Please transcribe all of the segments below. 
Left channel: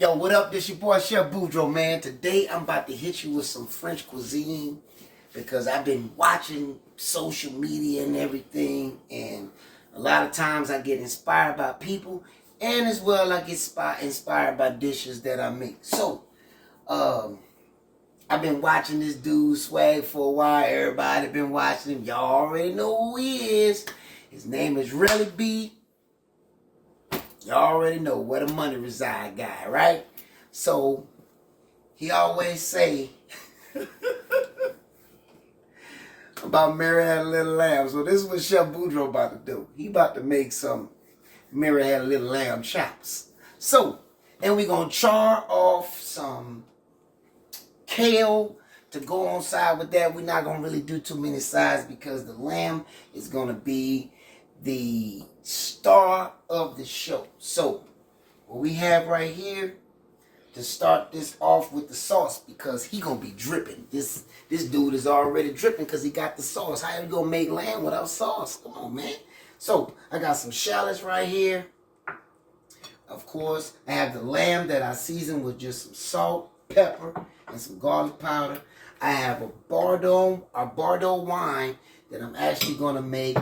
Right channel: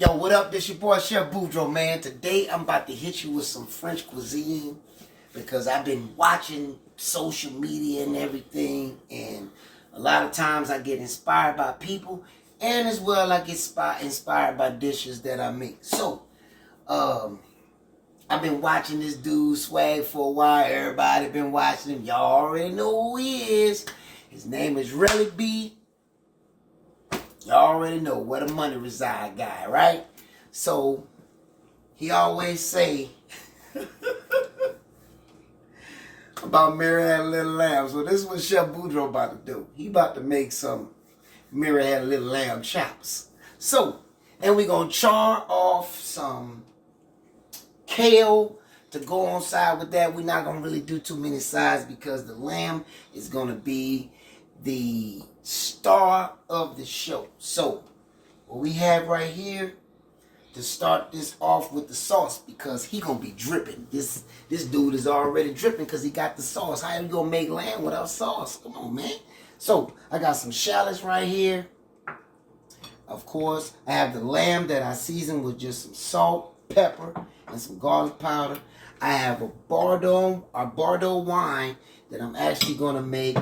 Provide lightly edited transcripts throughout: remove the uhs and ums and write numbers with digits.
Yo, what up? This your boy Chef Boudreaux, man. Today I'm about to hit you with some French cuisine because I've been watching social media and everything, and a lot of times I get inspired by people, and as well I get inspired by dishes that I make. So, I've been watching this dude Swag for a while. Everybody been watching him. Y'all already know who he is. His name is Relly B. Y'all already know where the money reside guy, right? So, he always say about Mary Had a Little Lamb. So this is what Chef Boudreaux about to do. He about to make some Mary Had a Little Lamb chops. So, and we're going to char off some kale to go on side with that. We're not going to really do too many sides because the lamb is going to be the star of the show. So, what we have right here to start this off with the sauce, because he gonna be dripping. This dude is already dripping because he got the sauce. How you gonna make lamb without sauce? Come on, man. So, I got some shallots right here. Of course, I have the lamb that I seasoned with just some salt, pepper, and some garlic powder. I have a Bordeaux wine that I'm actually gonna make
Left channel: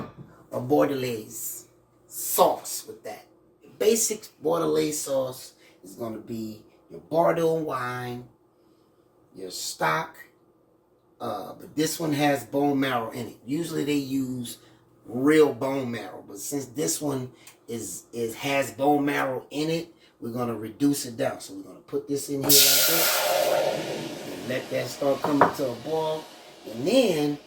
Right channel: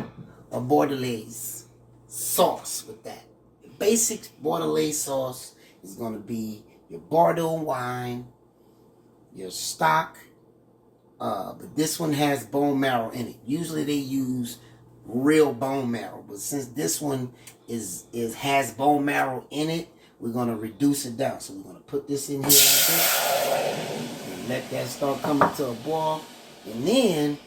a Bordelaise sauce with that. The basic Bordelaise sauce is going to be your Bordeaux wine, your stock, but this one has bone marrow in it. Usually they use real bone marrow, but since this one has bone marrow in it, we're going to reduce it down. So we're going to put this in here like this and let that start coming to a boil, and then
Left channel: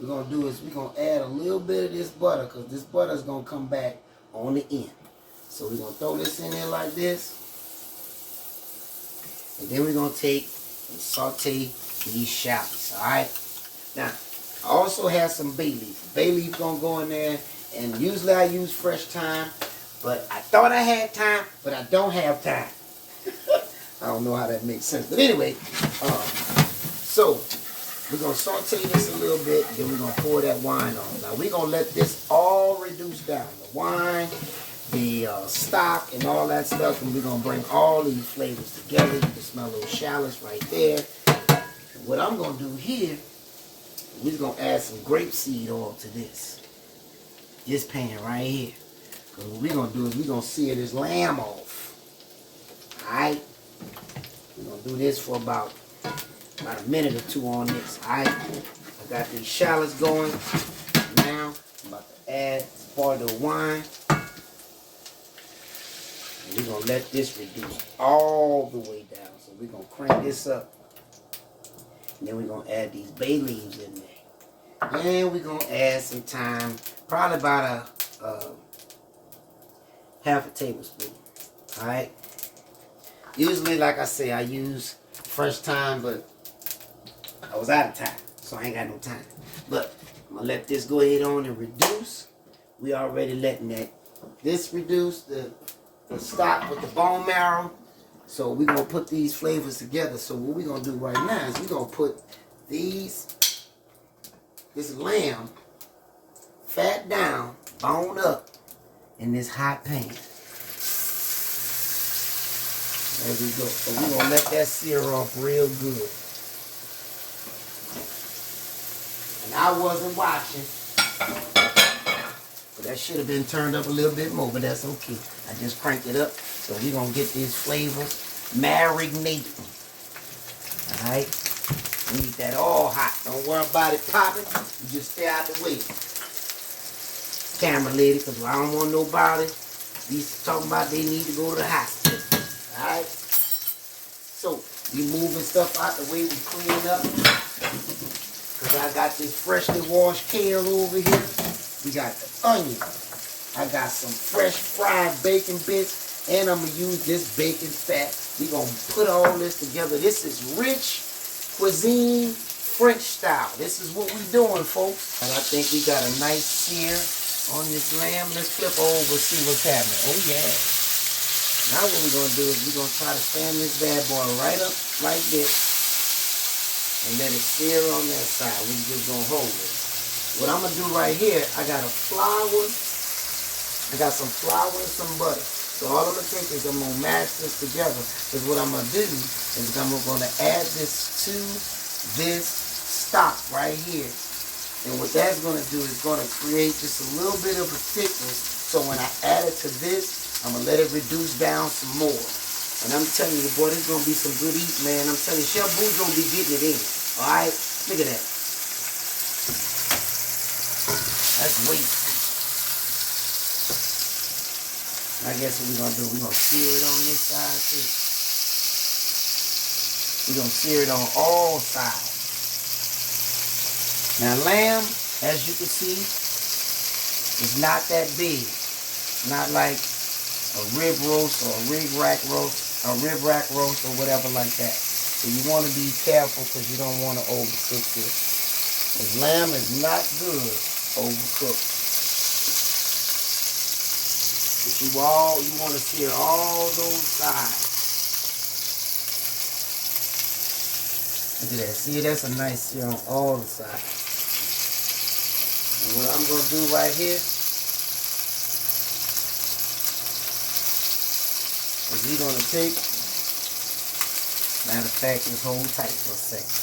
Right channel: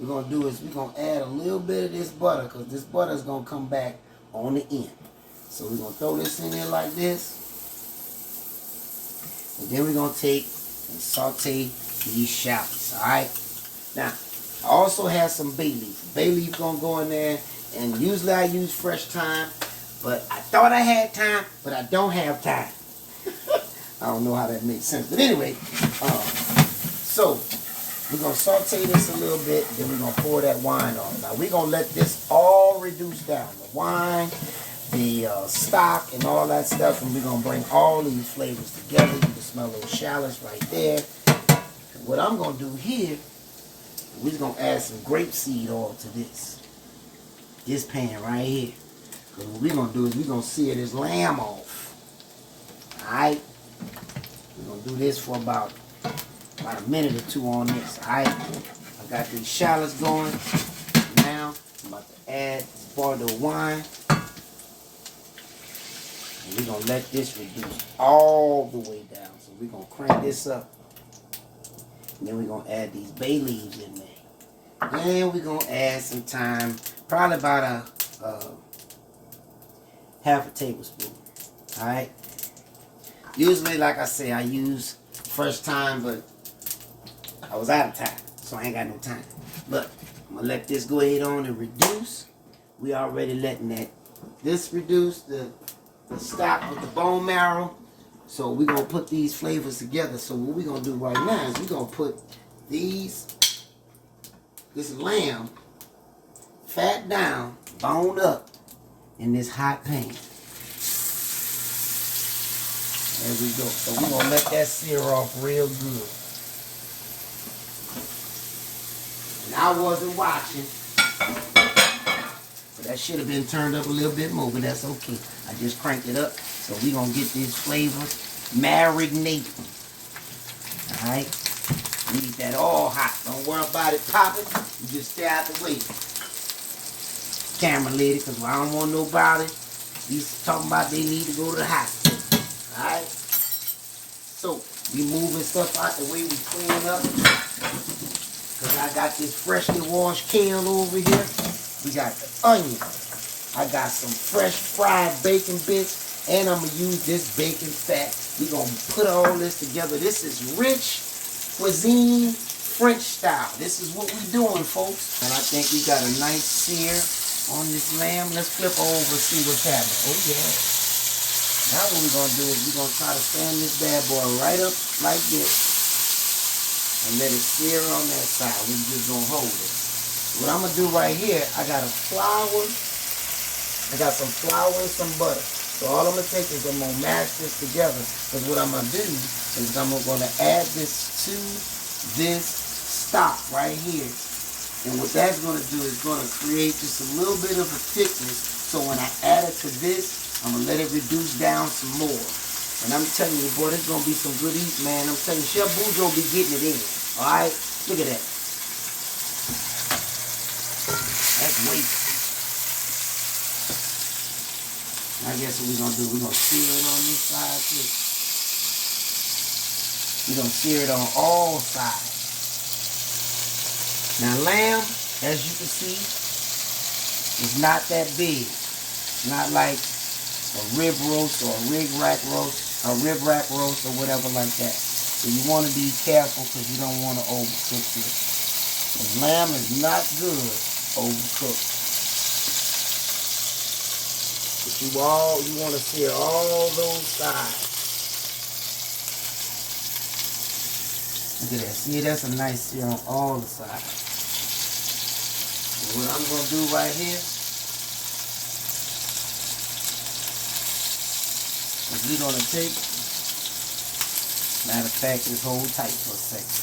we're going to do is we're going to add a little bit of this butter, because this butter is going to come back on the end. So we're going to throw this in there like this. And then we're going to take and saute these shallots. Alright? Now, I also have some bay leaf. Bay leaf going to go in there. And usually I use fresh thyme. But I thought I had time, but I don't have time. I don't know how that makes sense. But anyway, so we're going to saute this a little bit, then we're going to pour that wine on. Now, we're going to let this all reduce down. The wine, the stock, and all that stuff, and we're going to bring all these flavors together. You can smell those shallots right there. And what I'm going to do here, we're going to add some grapeseed oil to this pan right here. And what we're going to do is we're going to sear this lamb off. Alright? We're going to do this for about a minute or two on this. Alright, I got these shallots going. Now I'm about to add this Bordeaux wine. And we're gonna let this reduce all the way down. So we're gonna crank this up. And then we're gonna add these bay leaves in there. And we're gonna add some thyme, probably about a half a tablespoon. Alright. Usually, like I say, I use fresh thyme, but I was out of time, so I ain't got no time. But I'm going to let this go ahead on and reduce. We already letting this reduce, the stock with the bone marrow. So we're going to put these flavors together. So what we're going to do right now is we're going to put this lamb, fat down, boned up, in this hot pan. There we go. So we're going to let that sear off real good. And I wasn't watching, so that should have been turned up a little bit more, but that's okay. I just cranked it up, so we're going to get this flavor marinating. Alright? We need that all hot. Don't worry about it popping. You just stay out the way. Camera lady, because I don't want nobody talking about they need to go to the hospital. Alright? So, we moving stuff out the way, we clean up. Because I got this freshly washed kale over here. We got the onion. I got some fresh fried bacon bits. And I'm going to use this bacon fat. We're going to put all this together. This is rich cuisine, French style. This is what we're doing, folks. And I think we got a nice sear on this lamb. Let's flip over and see what's happening. Oh, yeah. Now what we're going to do is we're going to try to stand this bad boy right up like this. And let it sear on that side. We're just going to hold it. What I'm going to do right here, I got some flour and some butter. So all I'm going to take is I'm going to mash this together. Because what I'm going to do is I'm going to add this to this stock right here. And what that's going to do is going to create just a little bit of a thickness. So when I add it to this, I'm going to let it reduce down some more. And I'm telling you, boy, this is going to be some good eat, man. I'm telling you, Chef Boudreaux be getting it in. All right? Look at that. That's weight. I guess what we're going to do, we're going to sear it on this side too. We're going to sear it on all sides. Now, lamb, as you can see, is not that big. Not like a rib roast or a rib rack roast or whatever like that. So you want to be careful because you don't want to overcook this. Because lamb is not good overcooked. But you want to sear all those sides. Look at that. See, that's a nice sear on all the sides. And what I'm going to do right here is we're going to take, matter of fact, just hold tight for a second.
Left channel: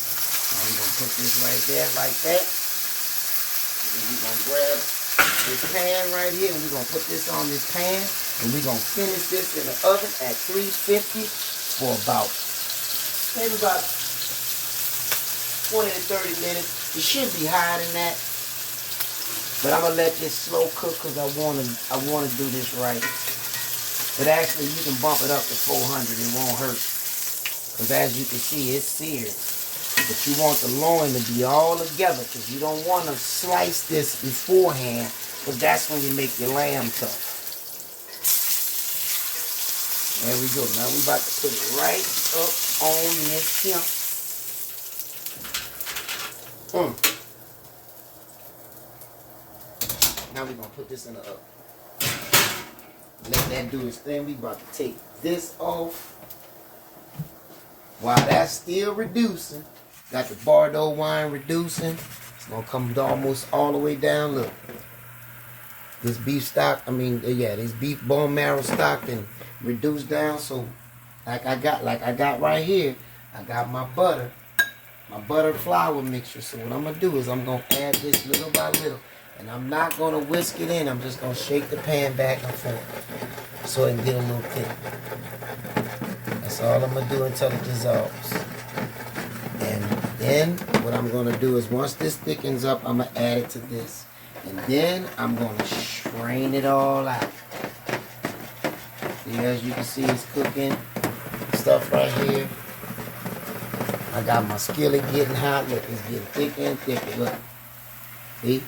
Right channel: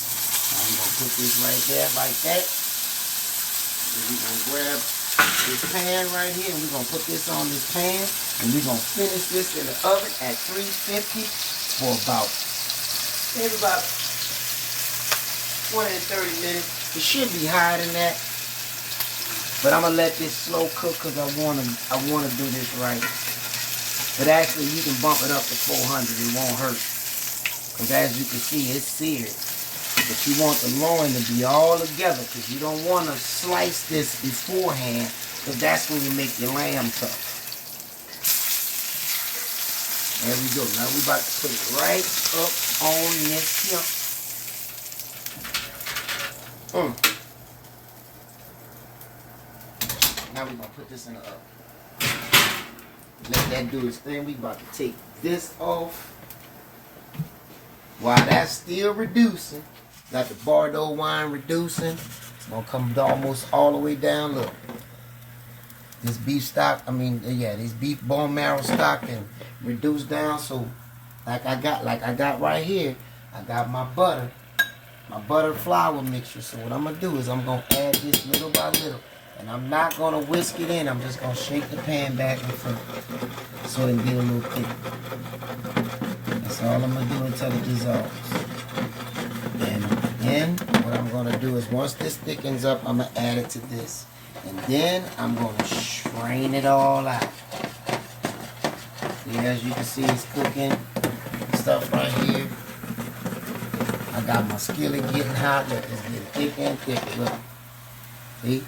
Now we're going to put this right there like that. And we're going to grab this pan right here and we're going to put this on this pan and we're going to finish this in the oven at 350 for maybe about 20 to 30 minutes. It should be higher than that. But I'm going to let this slow cook because I want to do this right. But actually, you can bump it up to 400. It won't hurt. Because as you can see, it's seared. But you want the loin to be all together because you don't want to slice this beforehand because that's when you make your lamb tough. There we go. Now we're about to put it right up on this here. Now we're going to put this in the oven. Let that do its thing. We're about to take this off. While that's still reducing, got the Bordeaux wine reducing. It's going to come almost all the way down. Look. This beef stock, this beef bone marrow stock and reduced down. So, like I got right here, I got my butter flour mixture. So what I'm going to do is I'm going to add this little by little. And I'm not going to whisk it in. I'm just going to shake the pan back and forth so it can get a little thick. That's all I'm going to do until it dissolves. And then what I'm going to do is once this thickens up, I'm going to add it to this. And then I'm going to strain it all out. See, as you can see, it's cooking stuff right here. I got my skillet getting hot. Look, it's getting thicker and thicker. Look. See?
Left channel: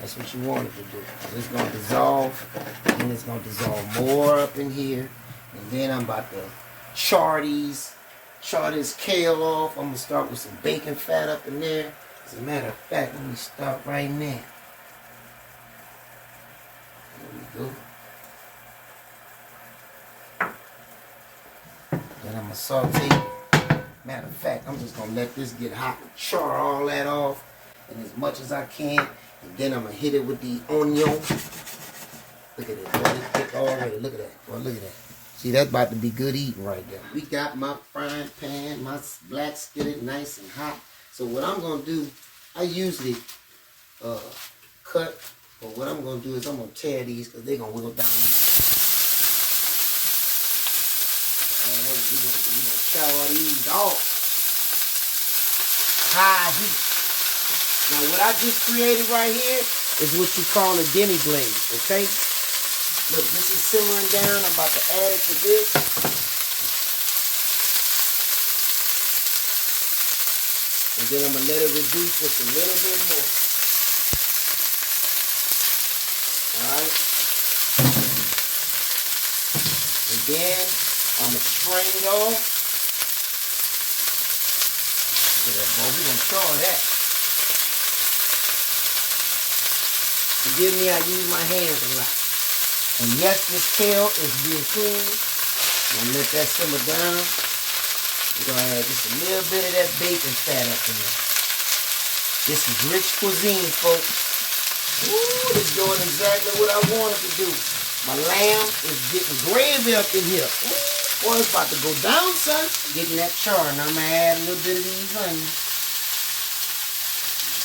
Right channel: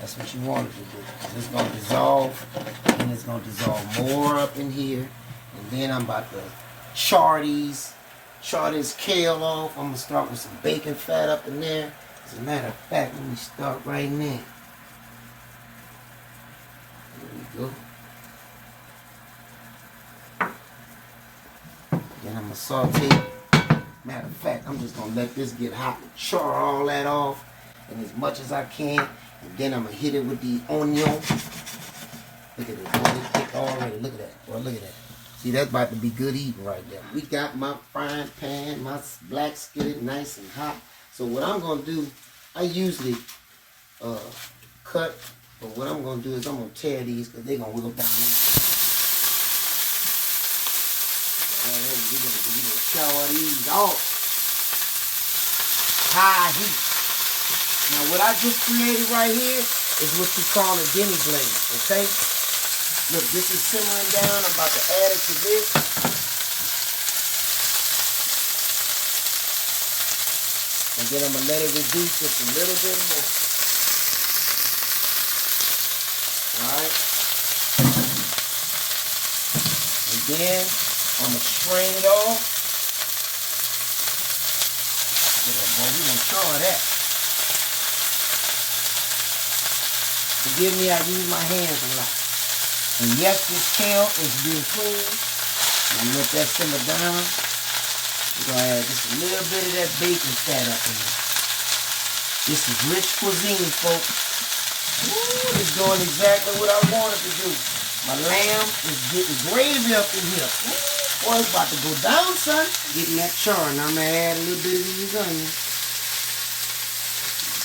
That's what you want it to do. It's going to dissolve, and it's going to dissolve more up in here. And then I'm about to char this kale off. I'm going to start with some bacon fat up in there. As a matter of fact, let me start right now. There we go. Then I'm going to saute. Matter of fact, I'm just going to let this get hot and char all that off. And as much as I can. And then I'm going to hit it with the onion. Look at this. Boy, it's thick already. Look at that. Boy, look at that. See, that's about to be good eating right there. We got my frying pan, my black skillet nice and hot. So what I'm going to do, I usually cut. But what I'm going to do is I'm going to tear these because they're going to wiggle down. Alright, we're going to chow these off. High heat. Now, what I just created right here is what you call a demi glaze, okay? Look, this is simmering down. I'm about to add it to this. And then I'm going to let it reduce just a little bit more. All right? And then I'm going to strain it off. Look at that, boy. We're going to char that. Forgive me, I use my hands a lot. And yes, this kale is being cleaned. I'm going to let that simmer down. We're going to add just a little bit of that bacon fat up in there. This is rich cuisine, folks. Ooh, it's doing exactly what I wanted to do. My lamb is getting gravy up in here. Boy, it's about to go down, son. Getting that char, and I'm gonna add a little bit of these onions.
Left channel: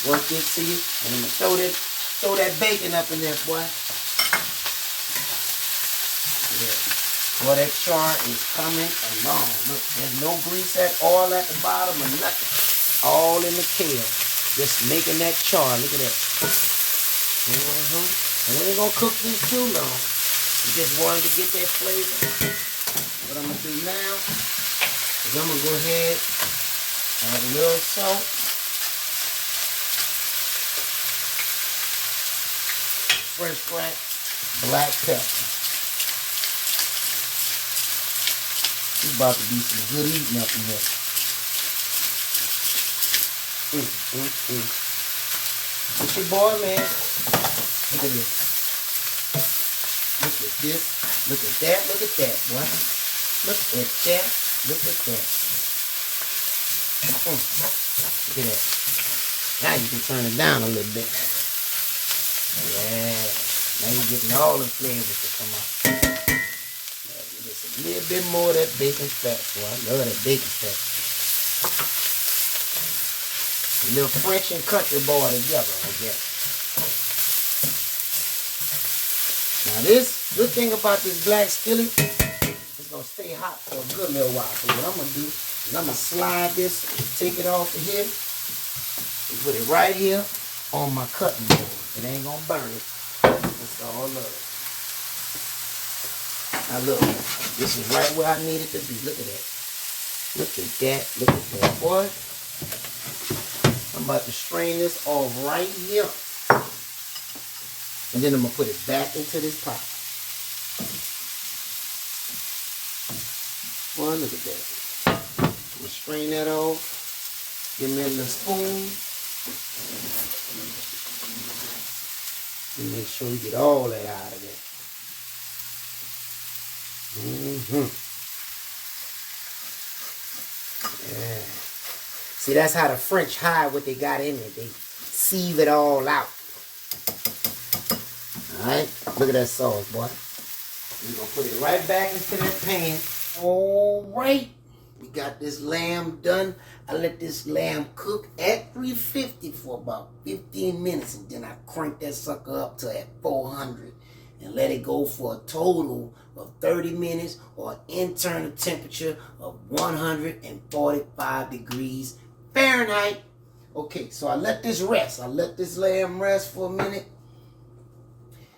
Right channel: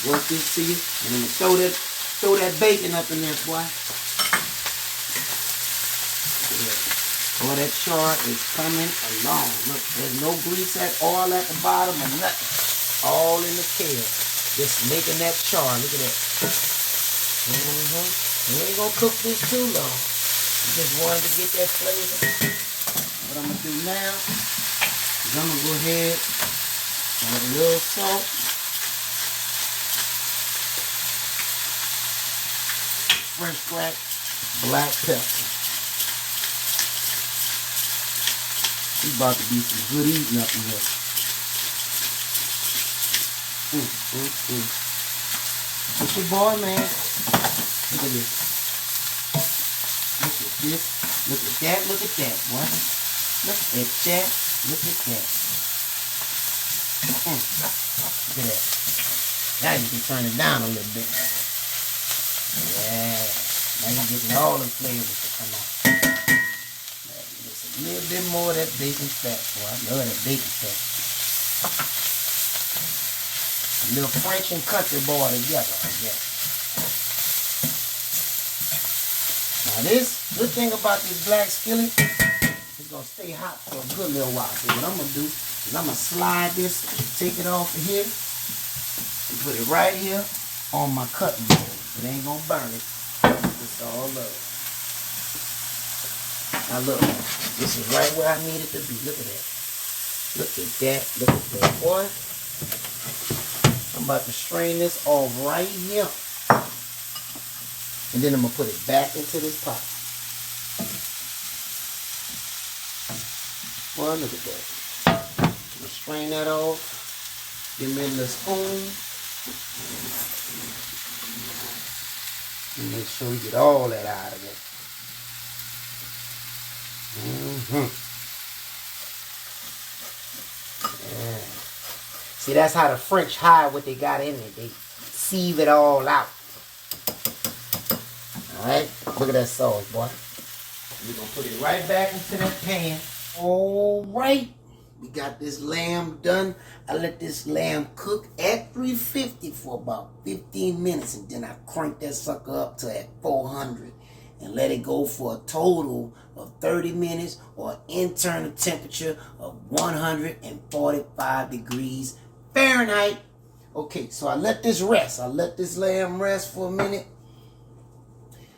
Work this to you, and I'm gonna throw that bacon up in there, boy. Boy, that char is coming along. Look, there's no grease at all at the bottom or nothing. All in the kale. Just making that char. Look at that. We ain't gonna cook this too long. We just wanted to get that flavor. What I'm gonna do now is I'm gonna go ahead and add a little salt. Fresh cracked black pepper. It's about to be some good eating up in here. It's your boy, man. Look at this. Look at this. Look at that. Look at that, boy. Look at that. Look at that. Look at that. Now you can turn it down a little bit. Yeah. Now you're getting all the flavors to come out. Just a little bit more of that bacon fat, boy. Look at that bacon fat. A little French and country boy together, I guess. Now this good thing about this black skillet, it's gonna stay hot for a good little while. So what I'm gonna do is I'm gonna slide this, take it off of here, and put it right here on my cutting board. It ain't gonna burn it. It's all love. Now look, this is right where I need it to be. Look at that. Look at that. Look at that, boy. I'm about to strain this off right here. And then I'm going to put it back into this pot. Boy, look at that. I'm going to strain that off. Give me a little spoon. And make sure we get all that out of it. Yeah. See, that's how the French hide what they got in it. They sieve it all out. Alright, look at that sauce, boy. We're going to put it right back into that pan. Alright, we got this lamb done. I let this lamb cook at 350 for about 15 minutes. And then I crank that sucker up to at 400. And let it go for a total of 30 minutes or internal temperature of 145 degrees Fahrenheit. Okay, so I let this rest. I let this lamb rest for a minute.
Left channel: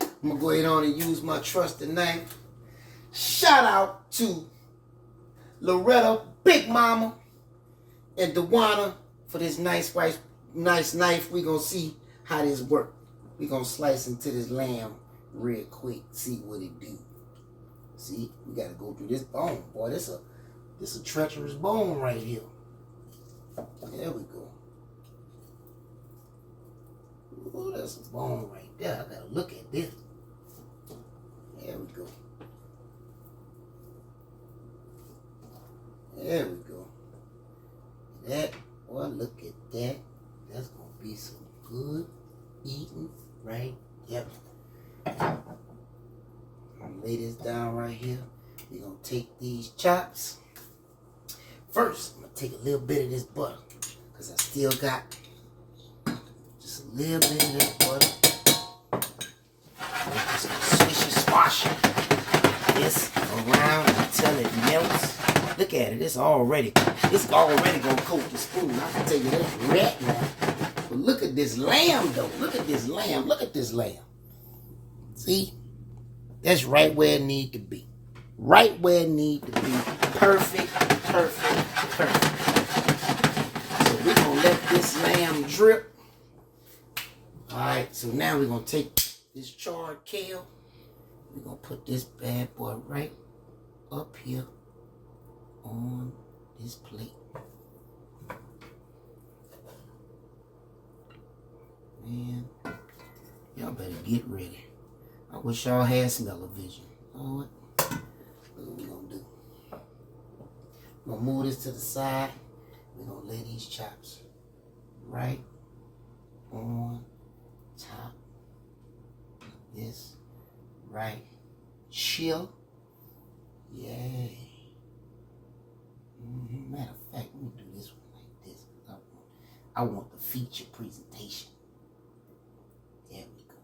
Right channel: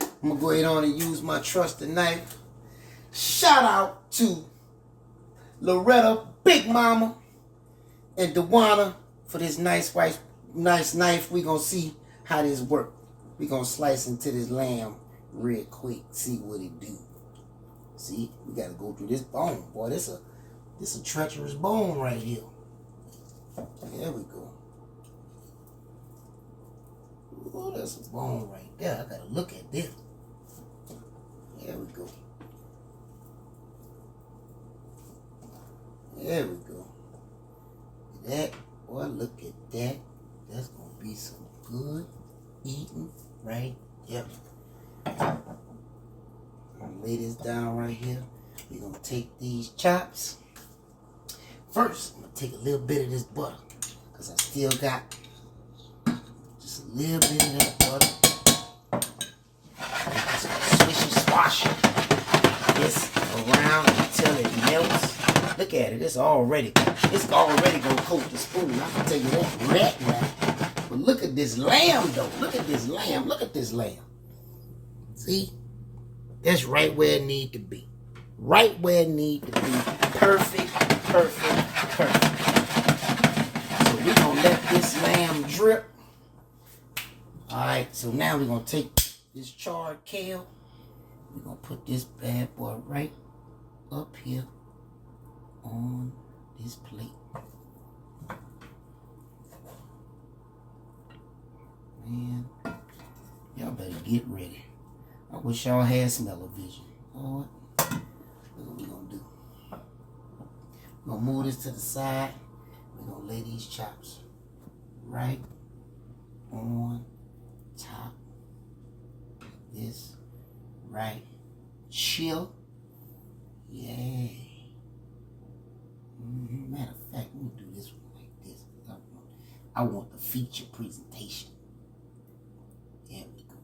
I'm going to go ahead on and use my trusted knife. Shout out to Loretta, Big Mama, and Dewana for this nice knife. We're going to see how this works. We're going to slice into this lamb real quick. See what it do. See, we got to go through this bone. Boy, this a treacherous bone right here. There we go. Oh, that's a bone right there. I got to look at this. There we go. There we go. That, boy, look at that. That's going to be some good eating right there. I'm going to lay this down right here. We're going to take these chops. First, I'm going to take a little bit of this butter because I still got just a little bit of that butter. Just swish and swash this around until it melts. Look at it. It's already gonna coat the spoon. I can tell you that right now. But look at this lamb though. Look at this lamb. Look at this lamb. See? That's right where it need to be. Right where it need to be. Perfect, perfect, perfect. So we're gonna let this lamb drip. Alright, so now we're gonna take this charred kale. We're gonna put this bad boy right up here on this plate. Man, y'all better get ready. I wish y'all had smell-o-vision. You know what? What we gonna do? We're gonna move this to the side. We're gonna lay these chops right on top of this right chill. Yeah. Matter of fact, let me do this one like this. I want the feature presentation. There we go.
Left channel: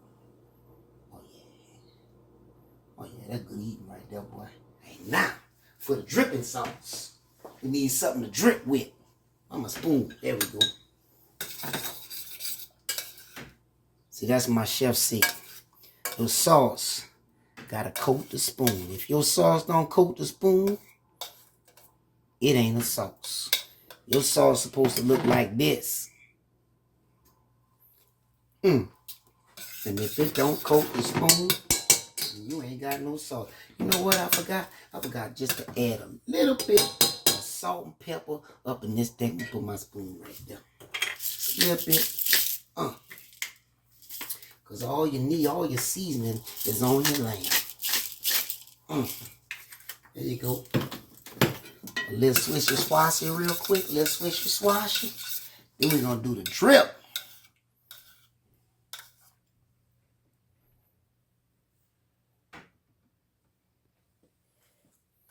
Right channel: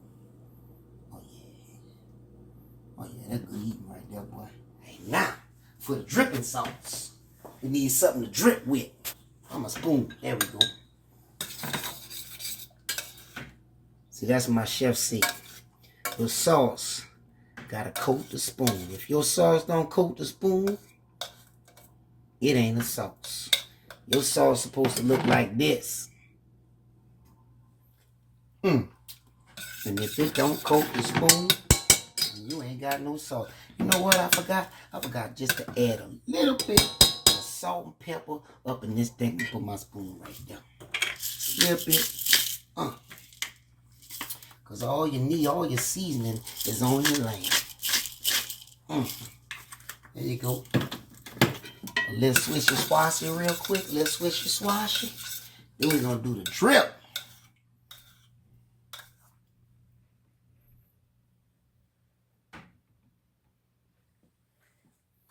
Oh yeah. Oh yeah, that's good eating right there, boy. Hey, now, for the dripping sauce, we need something to drip with. I'm a spoon. There we go. See, that's my chef said. The sauce gotta coat the spoon. If your sauce don't coat the spoon, it ain't a sauce. Your sauce supposed to look like this. And if it don't coat the spoon, you ain't got no sauce. You know what I forgot? I forgot just to add a little bit of salt and pepper up in this thing and put my spoon right there. A little bit. Because all you need, all your seasoning is on your lamb. There you go. A little swishy swashy real quick. A little swishy swashy. Then we're going to do the drip.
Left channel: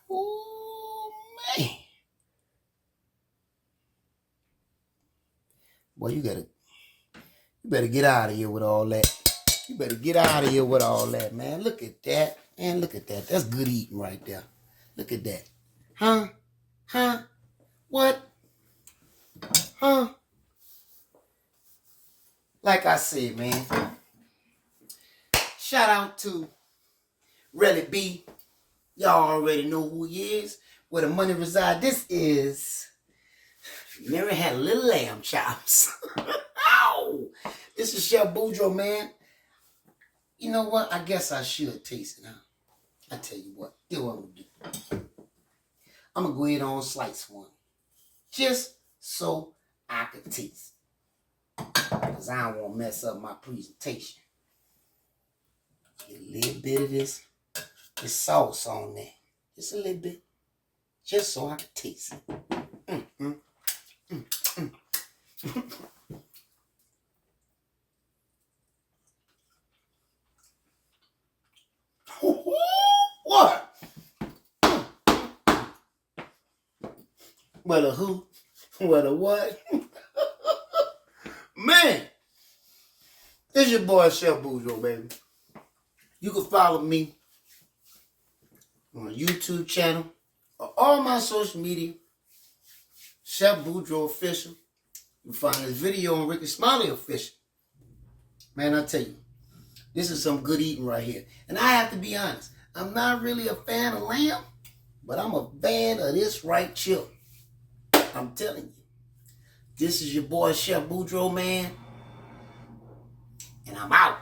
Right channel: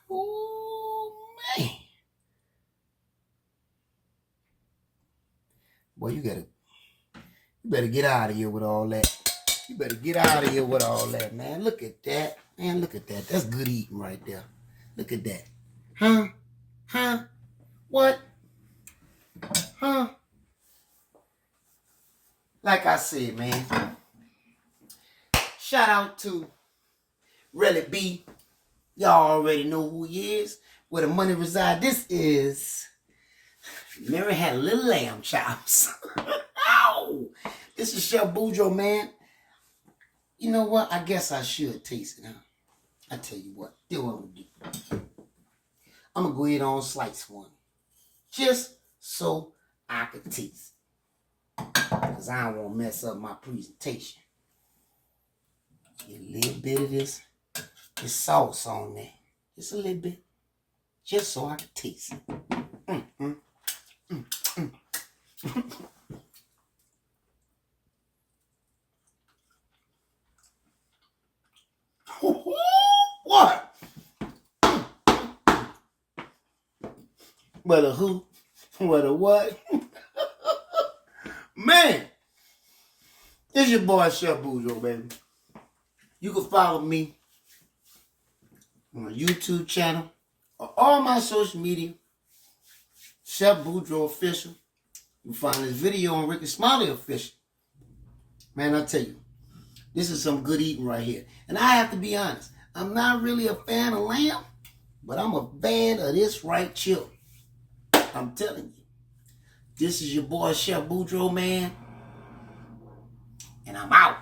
Oh, man. Boy, you better get out of here with all that. You better get out of here with all that, man. Look at that. Man, look at that. That's good eating right there. Look at that. Huh? Huh? What? Huh? Like I said, man. Shout out to Relly B. Y'all already know who he is. Where the money reside. This is Mary had little lamb chops. Ow! This is Chef Boudreaux, man. You know what? I guess I should taste it, huh? I tell you what. Do what I'm going to do. I'm going to go ahead on slice one. Just so I can taste. Because I don't want to mess up my presentation. Get a little bit of this sauce on there. Just a little bit. Just so I can taste it. What? Well, a who? Well, a what? Man, it's your boy Chef Boudreaux, baby. You can follow me on my YouTube channel or all my social media. Chef Boudreaux Official. You can find this video on Smylie Official. Man, I tell you, this is some good eating right here. And I have to be honest, I'm not really a fan of lamb, but I'm a fan of this right chip. I'm telling you. This is your boy Chef Boudreaux, man. And I'm out.